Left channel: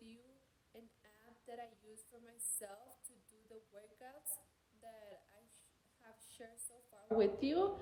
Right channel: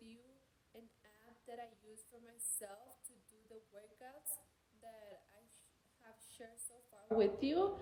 you an app that I use for myself to do the workouts that I have shared so far with you,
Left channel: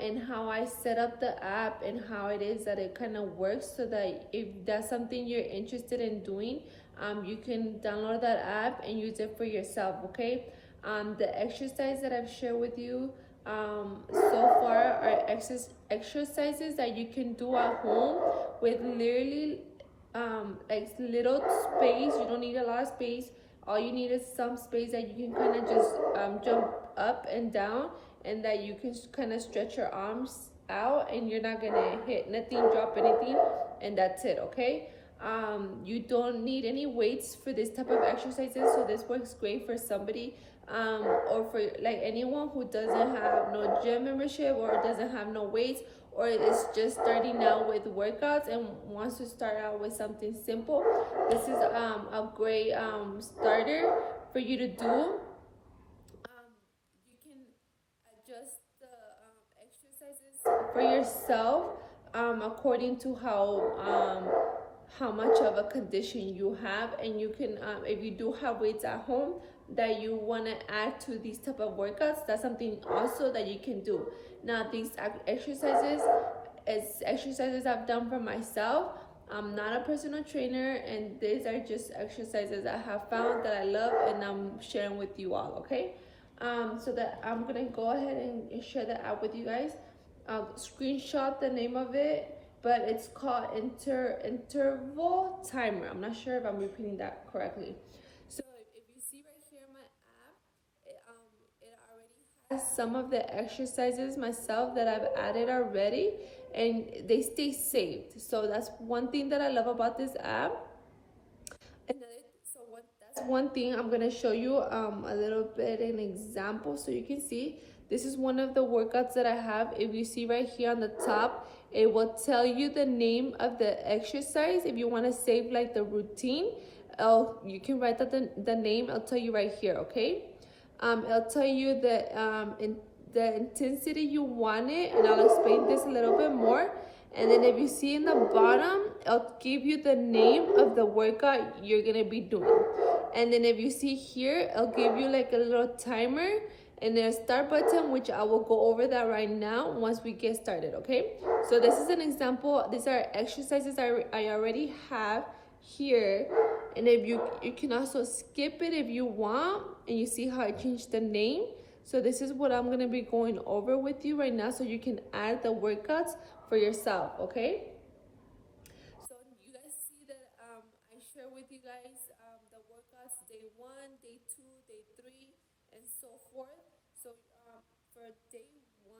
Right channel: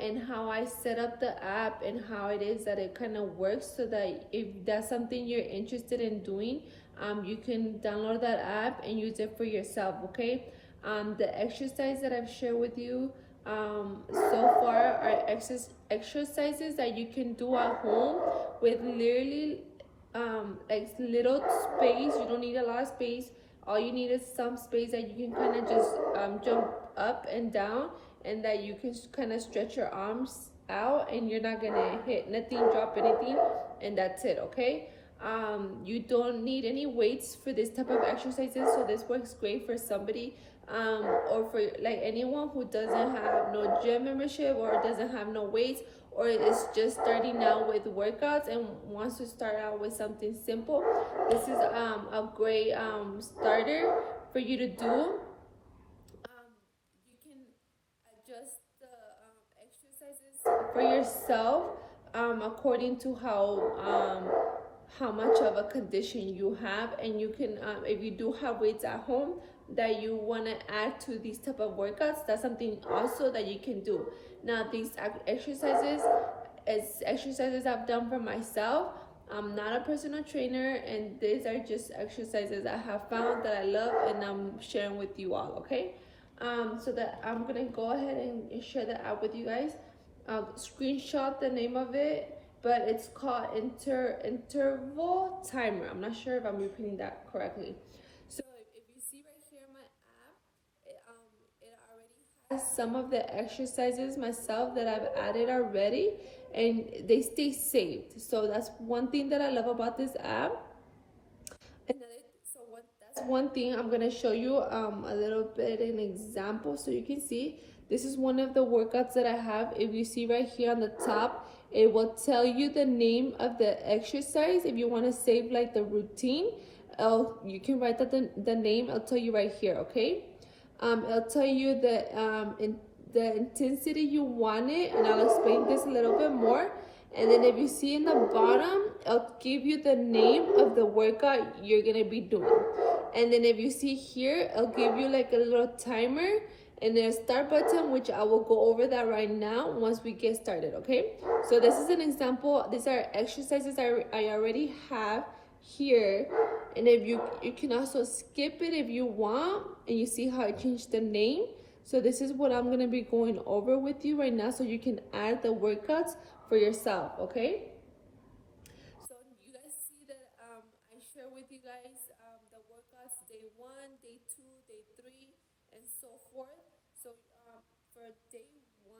and how I set up the app and how it is that it kind of works, so that if that's something you're interested in doing, you can download that app and use it for yourself, okay? The exercise that I've shared with you so far are exercises that you can do at home with literally like little space. You don't need a lot of space. All you need is some space that you can kind of just jump up and down, and that you can kind of stretch your arms out, and you're not gonna hit nothing, drop anything, and that's it, okay? You don't need any weights for this type of exercises, so this works great for somebody or for like anyone who doesn't have no gym membership, or doesn't have no weights, or is just starting out with workouts and wants to start out with something simple. This is a great starter for you to do. You can adjust the exercises for yourself according to how much of a condition you have, and you can if you do have weights at home that you want to add to these type of workouts, that's something also that you can do. Now these exercises is exercises I've done for myself. I'm not a personal trainer, and these are just exercises I have found that I love, and I'm sharing with you all, okay? So that I'm gonna go ahead and share that out with you guys. Screenshot the name of it, but it's called interval timer. I'm not sure if I'm repeating that correctly. So if you see right here in my app, it already has some of the exercises myself that I've added already, and they stay saved. So that's one thing that I love about this app. That's one thing. I'm gonna show you a little bit an example so you can see. This is one of the workouts that I have. If you see right here on the top, it will tell you the name of the exercise. If you want to save like the routine, you can write that the name. I'll tell you right here, okay? It'll tell you the intensity you want it, and I'll explain this a little bit more. And then if you see in the bottom, it'll give you the name of the workout you're gonna be doing. And then if you see here, it'll give you like a little timer and then a start button, which I will go over that right now once we get started, okay? So this is an example. These are exercises I already have here, and if you can also skip it if you want, and you see how I changed the name. So this is what I'm gonna be going over with you right now, so you can add the workouts for yourself, okay? So you guys see that I share with you guys the workouts day 1, day 2, day 3, and so forth. So for day 1,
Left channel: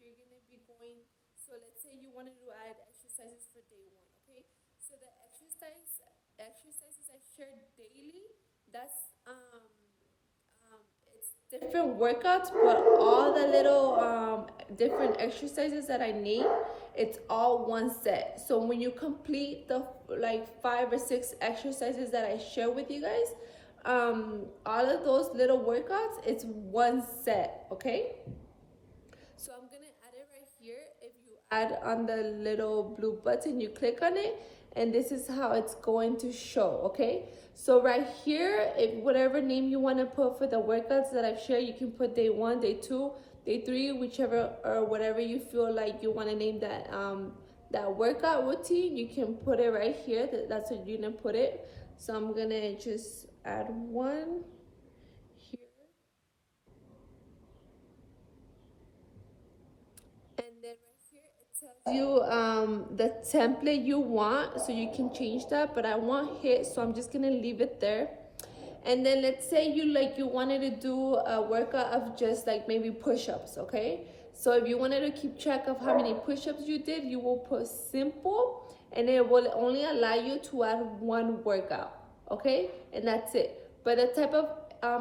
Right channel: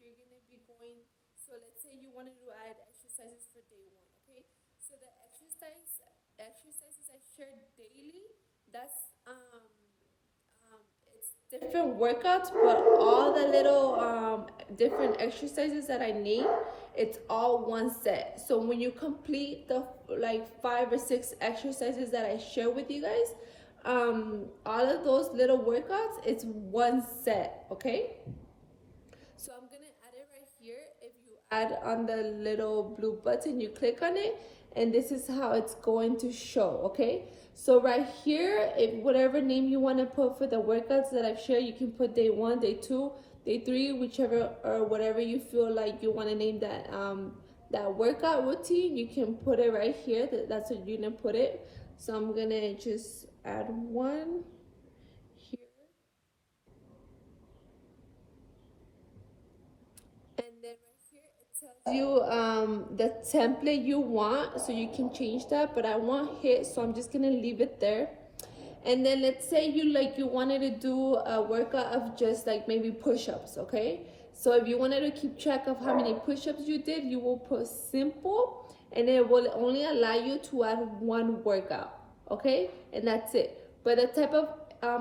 you're gonna be going. So let's say you wanted to add exercises for day 1, okay? So the exercises I share daily. That's it's different workouts, but all the little different exercises that I need, it's all one set. So when you complete the like 5 or 6 exercises that I share with you guys, all of those little workouts, it's one set, okay? So I'm gonna add it right here. If you add on the little blue button, you click on it, and this is how it's going to show, okay? So right here, if whatever name you want to put for the workouts that I've shared, you can put day 1, day 2, day 3, whichever or whatever you feel like you want to name that workout routine. You can put it right here. That's what you're gonna put it. So I'm gonna just add one here. And then right here it tells you the template you want, so you can change that, but I want hit, so I'm just gonna leave it there. And then let's say you wanted to do a workout of just like maybe push-ups, okay? So if you wanted to keep track of how many push-ups you did, you will put simple, and it will only allow you to add one workout, okay? And that's it. But the type of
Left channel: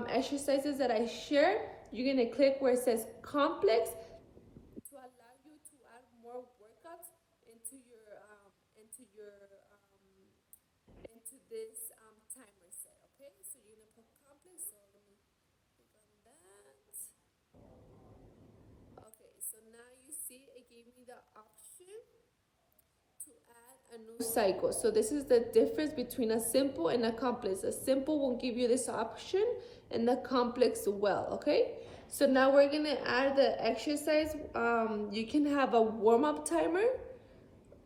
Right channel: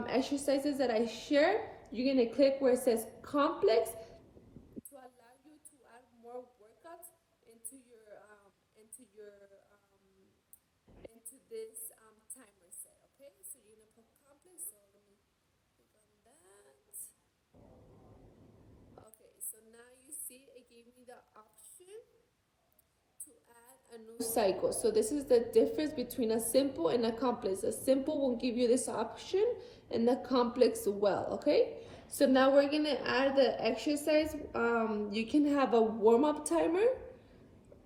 exercises that I share, you're gonna click where it says complex to allow you to add more workouts into this timer set. Okay, so you're gonna put complex. So let me click on that. Okay, so now you see it gave me the option to add a new cycle. So this is the difference between a simple and a complex. A simple will give you this option and the complex will, okay? So now we're gonna add the exercise. You can have a warm-up timer,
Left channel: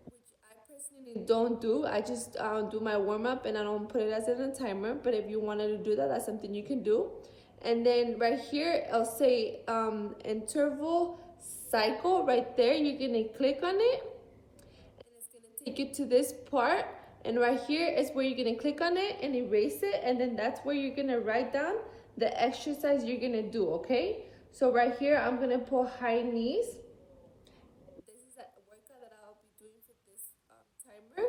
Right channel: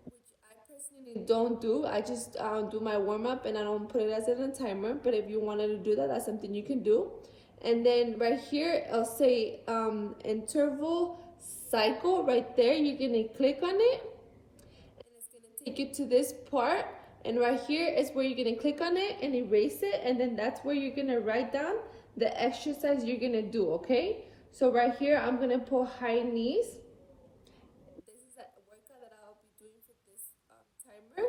which I personally don't do. I just do my warm-up and I don't put it as in a timer. But if you wanted to do that, that's something you can do. And then right here, I'll say interval cycle right there. You're gonna click on it and it's gonna take you to this part. And right here is where you're gonna click on it and erase it. And then that's where you're gonna write down the exercise you're gonna do, okay? So right here, I'm gonna put high knees. This is a workout that I'll be doing for this timer.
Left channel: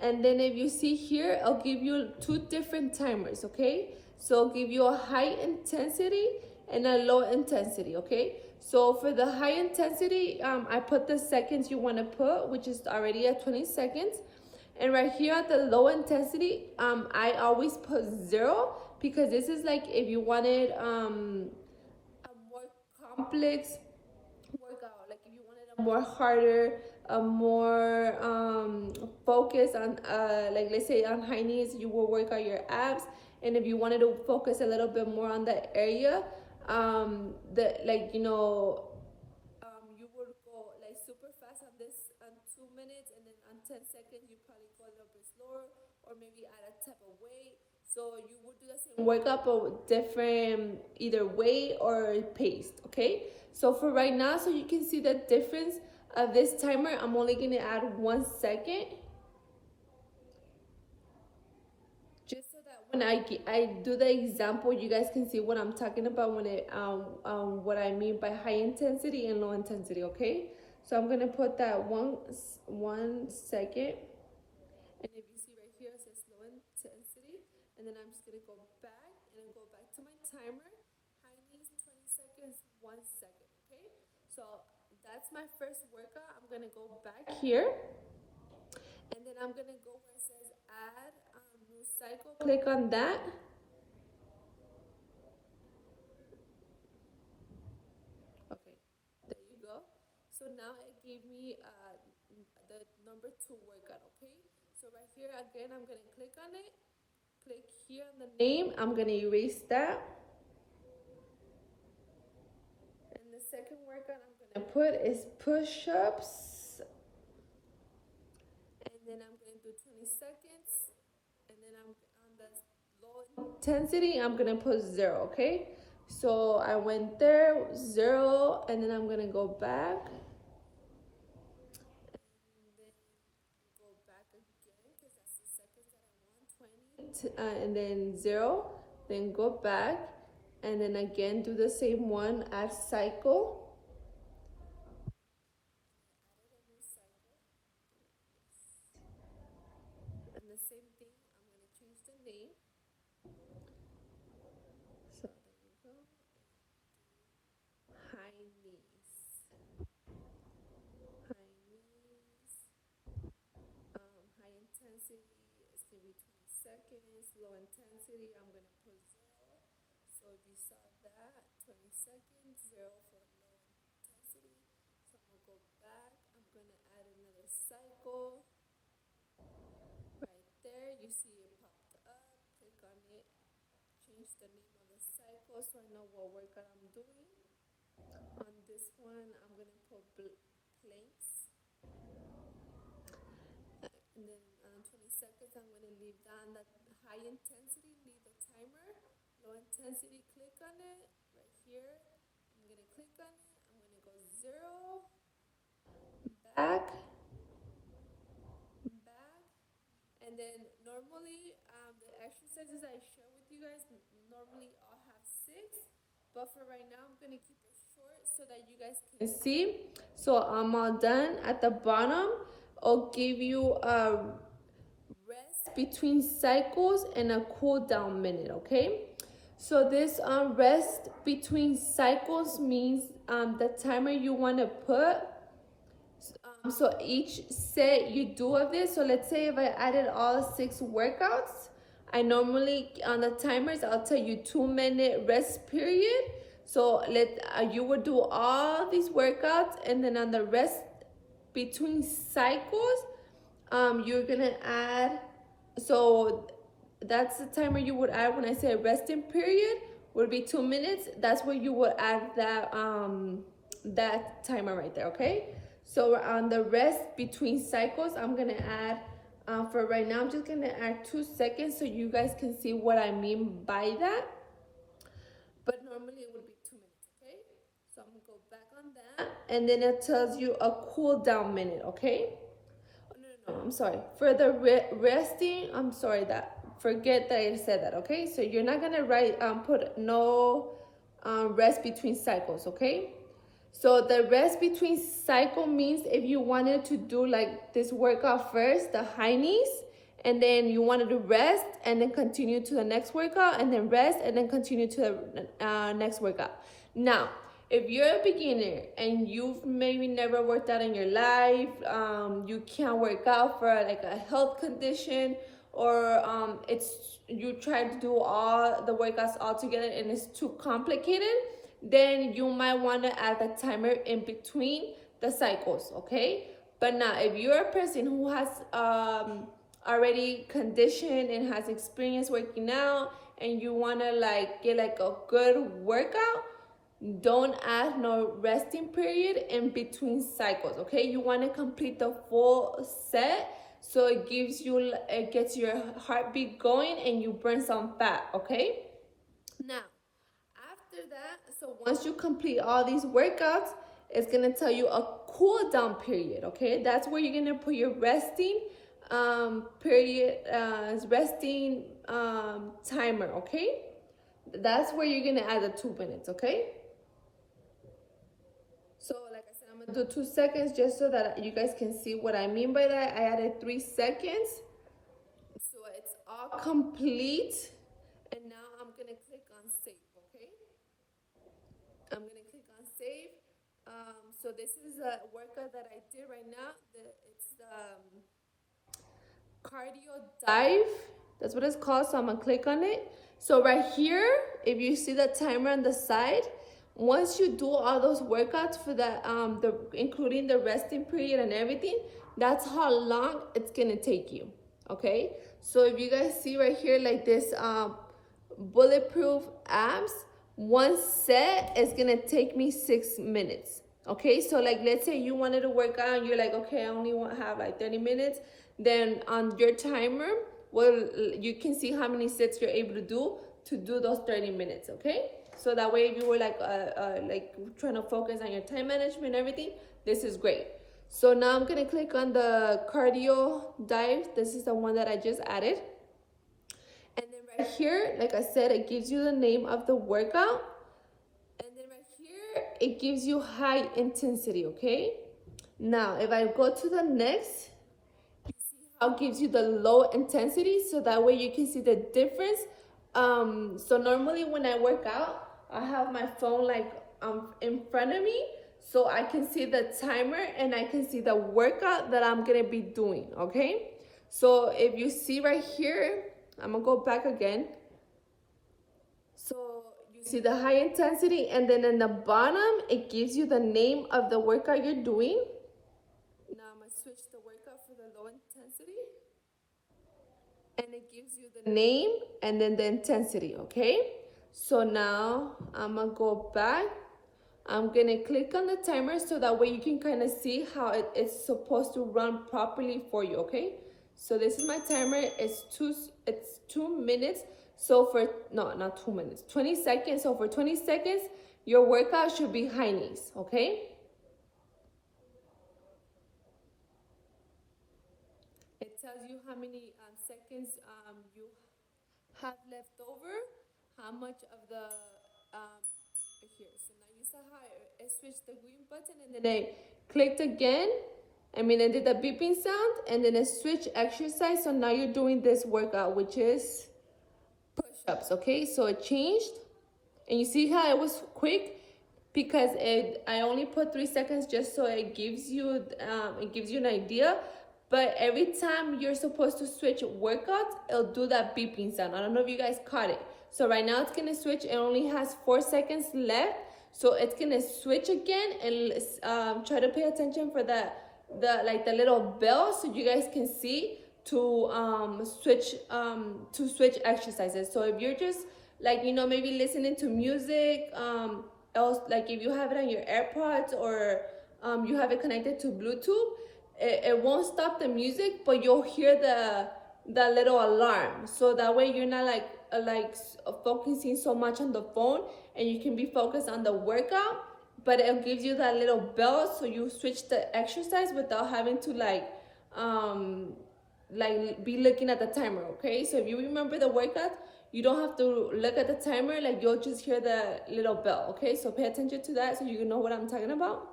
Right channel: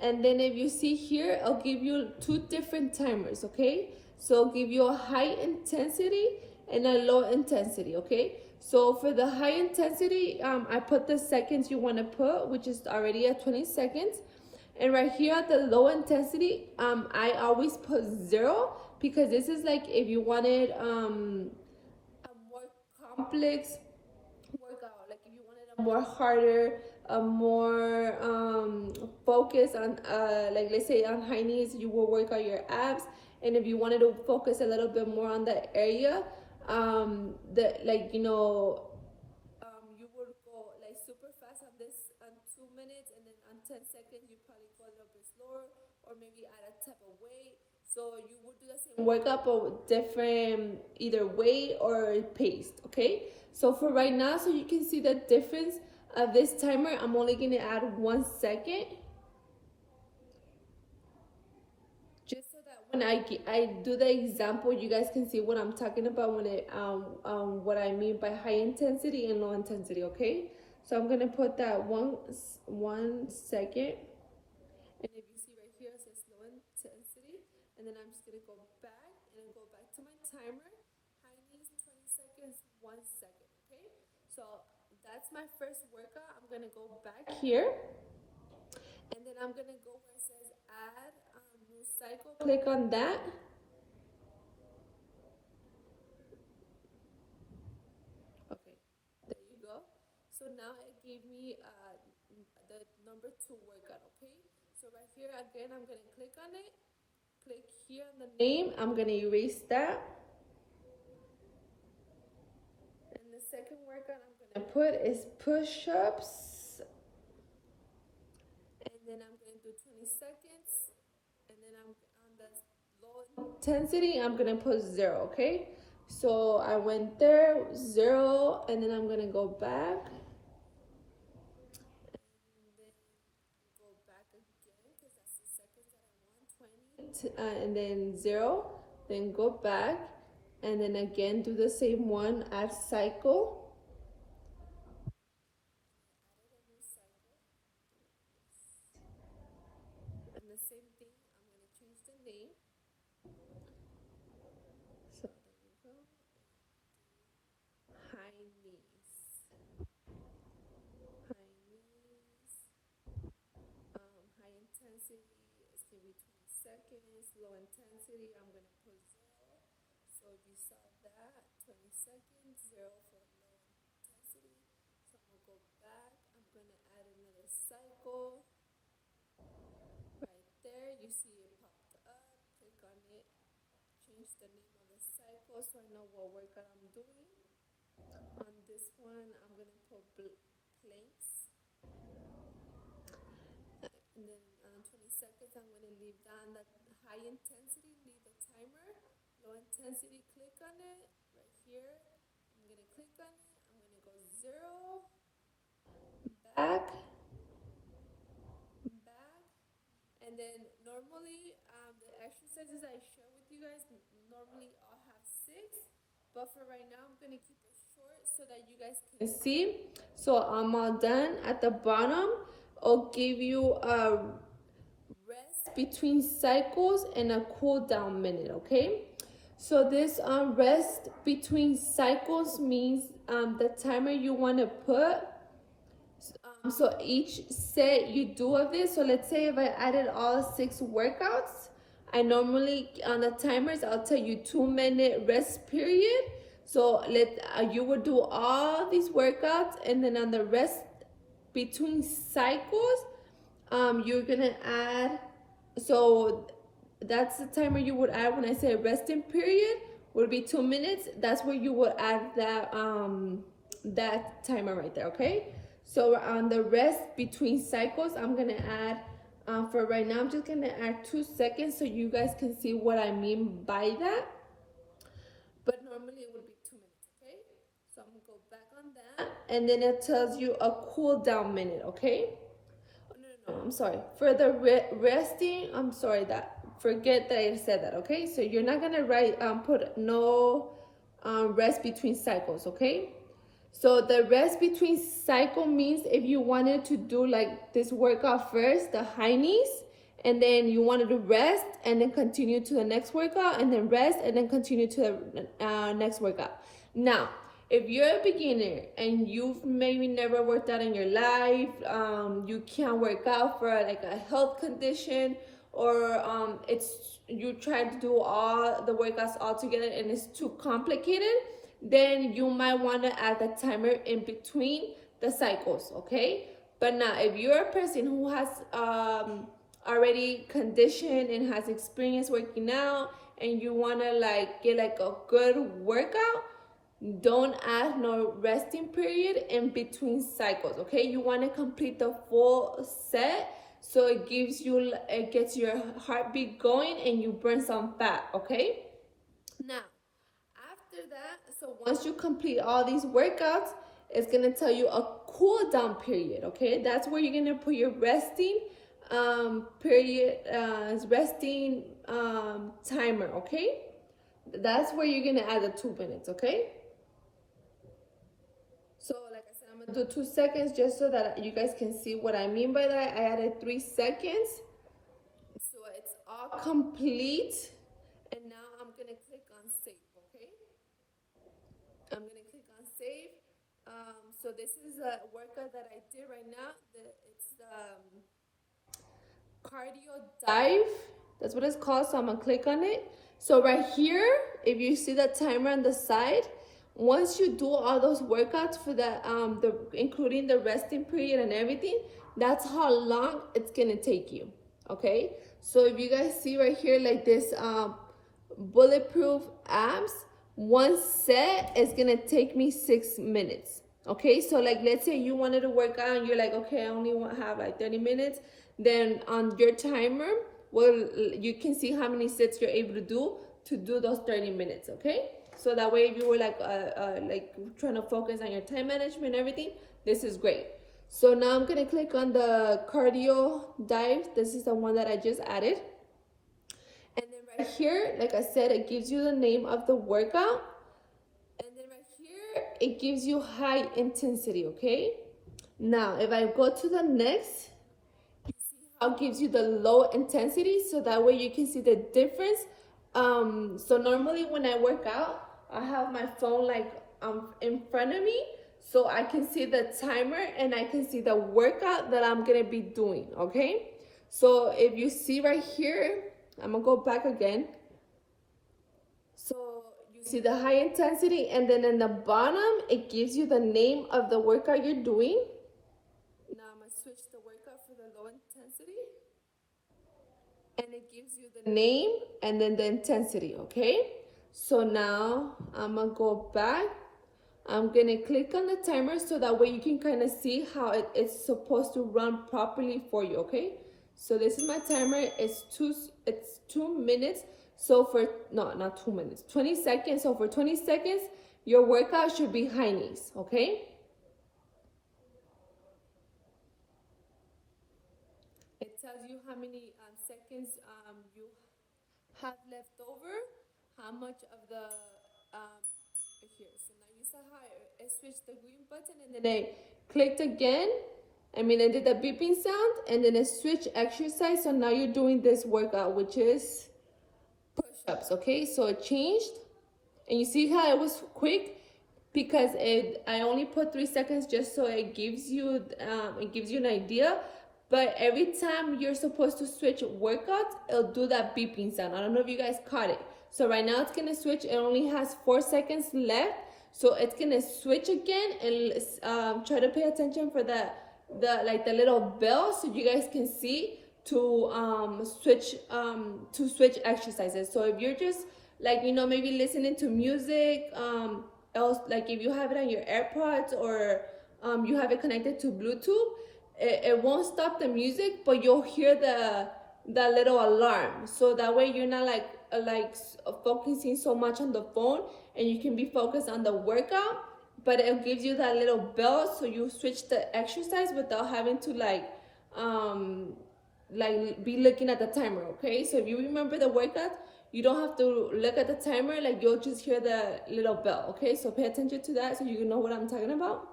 And then if you see here, I'll give you two different timers, okay? So I'll give you a high intensity and a low intensity, okay? So for the high intensity, I put the seconds you wanna put, which is already at 20 seconds. And right here at the low intensity, I always put 0 because this is like if you wanted a more complex workout, like if you wanted a more harder, a more focus on like let's say on high knees, you will work out your abs. And if you wanted to focus a little bit more on that area, that like you would go like super fast on this on 2 minutes, and then on 10 seconds you probably go a little bit slower, or maybe add a type of weight. So you would do the same workout but with different either weight or paced, okay? So for right now, so you can see the difference of this timer, I'm only gonna add 1 second. Just so that when I do the example, you guys can see what I'm talking about when it what I mean by high intensity and low intensity, okay? So I'm gonna put that 1 second, and if you see right here it says low intensity, and then I'm just gonna go back and go back to my timer. High knees 20 seconds, 1 second, okay? So that's my first workout. I'm gonna go back here, and then I'm gonna go where it says add new cycle. Click on that. Okay, there you go. So now it gave me the number 2 workout, okay? So right here again, I'm gonna click on it. Click here on the name. I'm gonna erase that. And the second workout I'm gonna put is push-ups. And then I'm gonna do 20 seconds. And then I'm on the low intensity, I'm gonna put 0, okay? So I went there, 0, and then I'm gonna go back. And then 0, then go back, and then again do the same one, add cycle. And the same thing, I'm going to change the name. So there you go. High knees. High knees. High intensity is going to be 20 seconds. Low intensity, I'm going to put 0. So you saw that, 20 seconds, 0 for low intensity. So I'm going to go back. I'm going to add another cycle. Right there, you see it popped up. Click on it. Change the name of the cycle so I know what workout I'm doing. On this one, I'm going to put planks. And then 20 seconds, I'm going to leave down the high intensity, leave the timer. Low intensity, click on it right here. I'm going to click on it. I'm going to go 0, back, back. And then normally the exercises I share with you guys, normally I'll have 6. But for right now, I'm going to keep it short so that you guys can see. So I'm all done. At the bottom, I'll give you a rest between cycles and a cool down minute, okay? So this rest between cycles means the timer you want to put. So each set you do of this. So let's say if I added all 6 workouts, I normally on the timers I'll tell you 2-minute rest period. So you would do all these workouts, and then on the rest between cycles, you're gonna add, so that's the timer you would add when I say resting period would be 2 minutes. That's where you would add that timer right there, okay? So on the rest between cycles, I'm gonna add, for right now, I'm just gonna add 2 seconds so you guys can see what I mean by that. But normally it would be 2 minutes, okay? So I'm gonna go back on that, and then it tells you a cool down minute, okay? No, I'm sorry. For the resting, I'm sorry that, forget that I said that, okay? So you're not gonna write, put no rest between cycles, okay? So the rest between cycle means if you wanted to do like this workout first, the high knees, and then you wanted to rest and then continue to the next workout, and then rest and then continue to the next workout. Now, if you're a beginner and you've maybe never worked out in your life, you can't work out for like a health condition, or it's you try to do all the workouts all together and it's too complicated, then you might want to add the timer in between the cycles, okay? But now, if you're a person who has already conditioned and has experience working out, and you want to like get like a good workout, don't add no resting period in between cycles, okay? You want to complete the full set so it gets your heartbeat going and you burn some fat, okay? Now, after that, so once you complete all these workouts, it's gonna tell you a cool down period, okay? That's where you're gonna put your resting period, resting timer, okay? That's where you're gonna add the 2 minutes, okay? So like I said, I'm gonna do 2 seconds just so that you guys can see what I mean by that. I added 3 seconds. So it's all complete. And now I'm gonna click on save, okay? I'm gonna click on save. So this is a workout that I did right now. It's the cardio dive. That's what it's called. So I'm gonna click on it. So right here, if you see the timer on the side, once you do all those workouts for the including the resting period and everything, that's how long it's gonna take you. Okay. So if you guys see right here, like this bulletproof abs, one set is gonna take me 6 minutes. Okay, so like let's say you wanted to work out and you're like, okay, I only want to have like 30 minutes. Then on your timer, well, you can see how many sets you're able to do those 30 minutes. Okay, so that way if you were like trying to focus on your time management and everything, this is great. So now I'm gonna click on the cardio dive. This is the one that I just added. And then right here, like I said, it gives you the name of the workout. And then right here, it gives you high intensity, okay? Now, if I go to the next, you see how it gives you the low intensity, so that way you can see the difference. So normally when I work out, I have my phone like in front of me, so I can see the timer and I can see the workout that I'm gonna be doing, okay? So if you see right here, I'm gonna go back again. So you see the high intensity, and then in the bottom, it gives you the name of the workout you're doing. Now I'm gonna switch the workout for the low intensity. And it gives you the name and then the intensity, okay? So now I'm gonna go back. I'm gonna click on the timer so that way you can kind of see how it's supposed to run properly for you, okay? So this is my timer. It's 2 minutes. So for not 2 minutes, 20 seconds. So for 20 seconds, your workout should be high knees, okay? It tells you how many seconds you have left over, how much of the here. So now you saw how I switched the green button and then I clicked again. I did the beeping sound and then I switched exercise. So now you're doing this workout, which is push-ups, okay? So it changed, and you see how it was quick because I only put 3 seconds just so it gives you an idea. But every time you're supposed to switch workouts, it'll do that beeping sound. I don't know if you guys caught it. So right now it's gonna switch. It only has 4 seconds left. So it's gonna switch again, and try to pay attention for that the little bell so you guys can see to switch exercises. So if you're just like, you know, maybe listening to music, else, like if you have it on your AirPods or you have it connected to Bluetooth, it won't stop the music, but you'll hear the little alarm. So that way you're not focusing so much on the phone, and you can be focused on the workout, but it gives you that little bell so you switch the exercise without having to like be looking at the timer. Okay, so if you remember the workout, you don't have to look at the timer, like you'll just hear the little bell. Okay, so pay attention to that so you know what I'm talking about.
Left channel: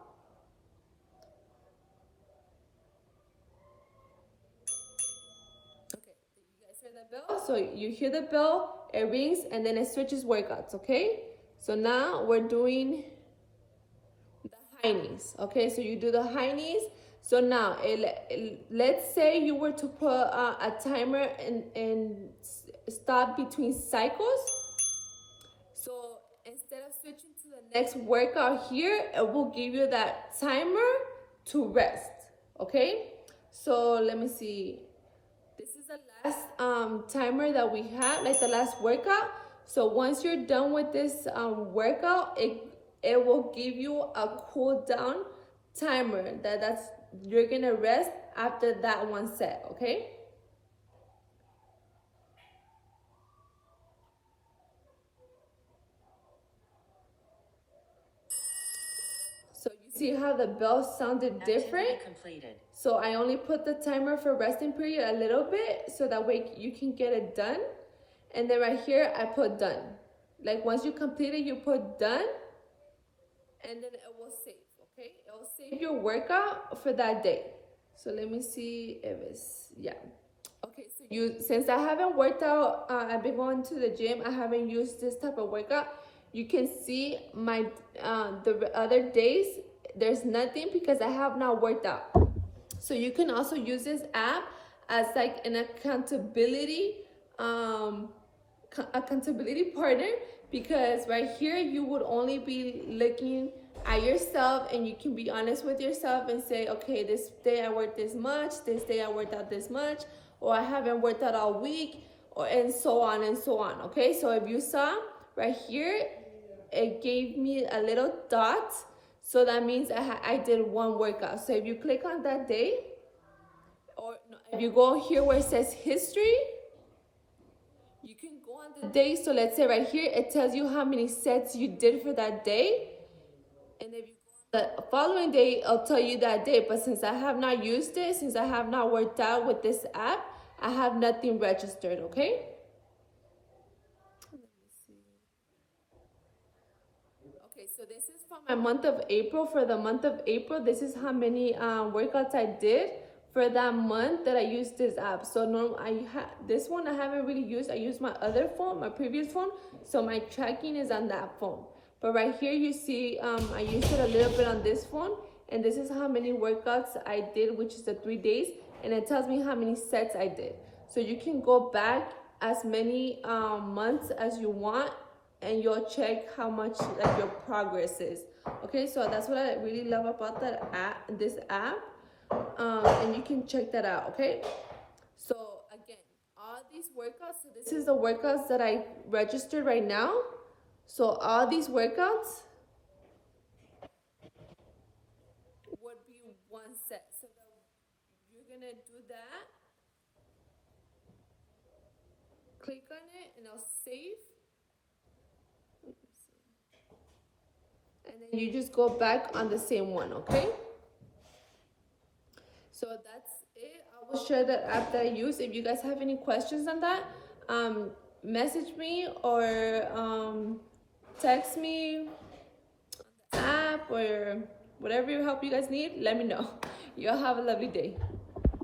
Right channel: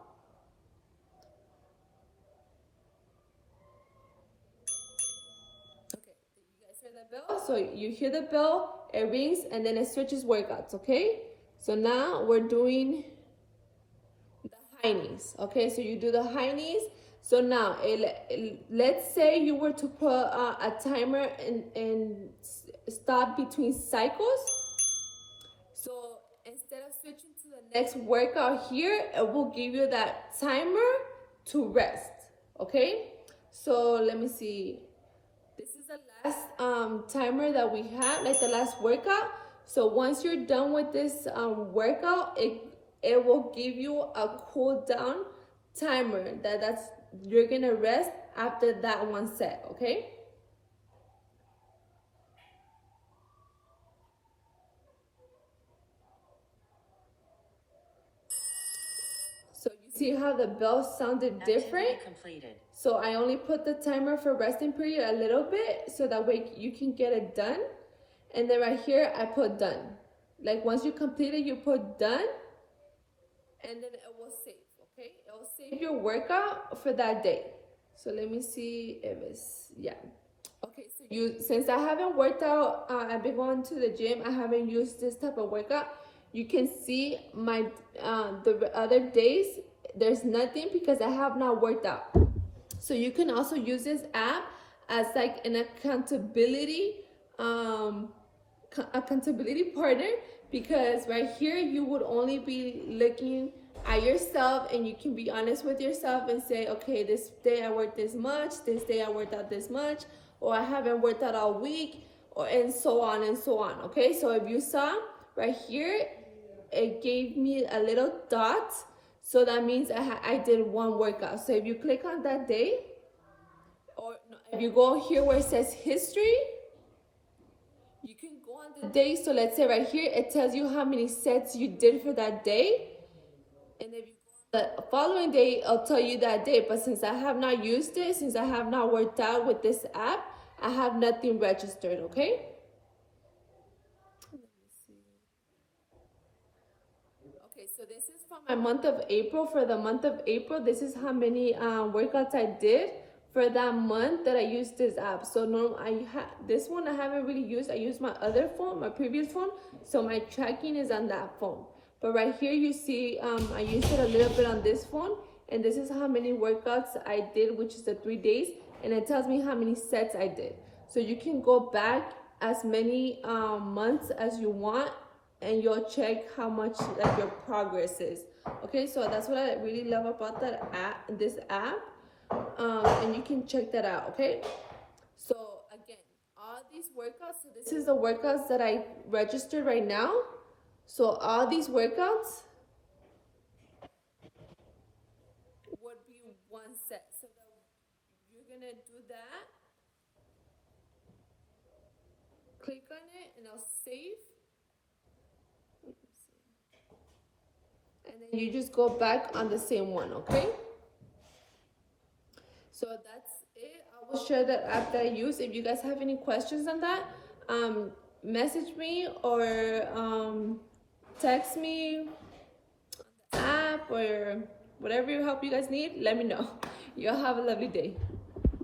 Okay, you guys hear the bell? So you hear the bell, it rings, and then it switches workouts. Okay, so now we're doing the high knees. Okay, so you do the high knees. So now, let's say you were to put a timer and stop between cycles. So instead of switching to the next workout here, it will give you that timer to rest. Okay, so let me see. This is the last timer that we have, like the last workout. So once you're done with this workout, it will give you a cool down timer that's you're gonna rest after that one set. Okay, so you see how the bell sounded different? Completed. So I only put the timer for resting period a little bit so that way you can get it done. And then right here I put done. Like once you complete it, you put done, and then it will save. Okay, it will save your workout for that day. So let me see if it's, yeah. Okay, so since I haven't worked out, I've been going to the gym, I haven't used this type of workout. You can see my the other days there's nothing because I have not worked out. So you can also use this app as like an accountability partner, because right here you would only be looking at yourself, and you can be honest with yourself and say, okay, this day I worked this much, this day I worked out this much, or I haven't worked out all week, or and so on and so on. Okay, so if you saw right here, it gave me a little dot, so that means I did one workout. So if you click on that day, or no, if you go here where it says history, you can go on the day. So let's say right here it tells you how many sets you did for that day, and if you go the following day, I'll tell you that day. But since I have not used it, since I have not worked out with this app, I have nothing registered. Okay, let me see. Okay, so this is for my month of April. For the month of April, this is how many workouts I did for that month that I used this app. So this one I haven't really used. I used my other phone, my previous phone, so my tracking is on that phone. But right here you see I used it a little bit on this phone, and this is how many workouts I did, which is the 3 days, and it tells me how many sets I did. So you can go back as many months as you want, and you'll check how much like your progress is. Okay, so that's what I really love about this app. And you can check that out. Okay, so again, all these workouts, so this is the workouts that I registered right now. So all these workouts would be one set. So you're gonna do that, click on it, and I'll save. And then you just go back on the same one. Okay, so that's it. I will share the app that I use. If you guys have any questions on that, message me or text me on the app, or whatever help you guys need, let me know. Y'all have a lovely day.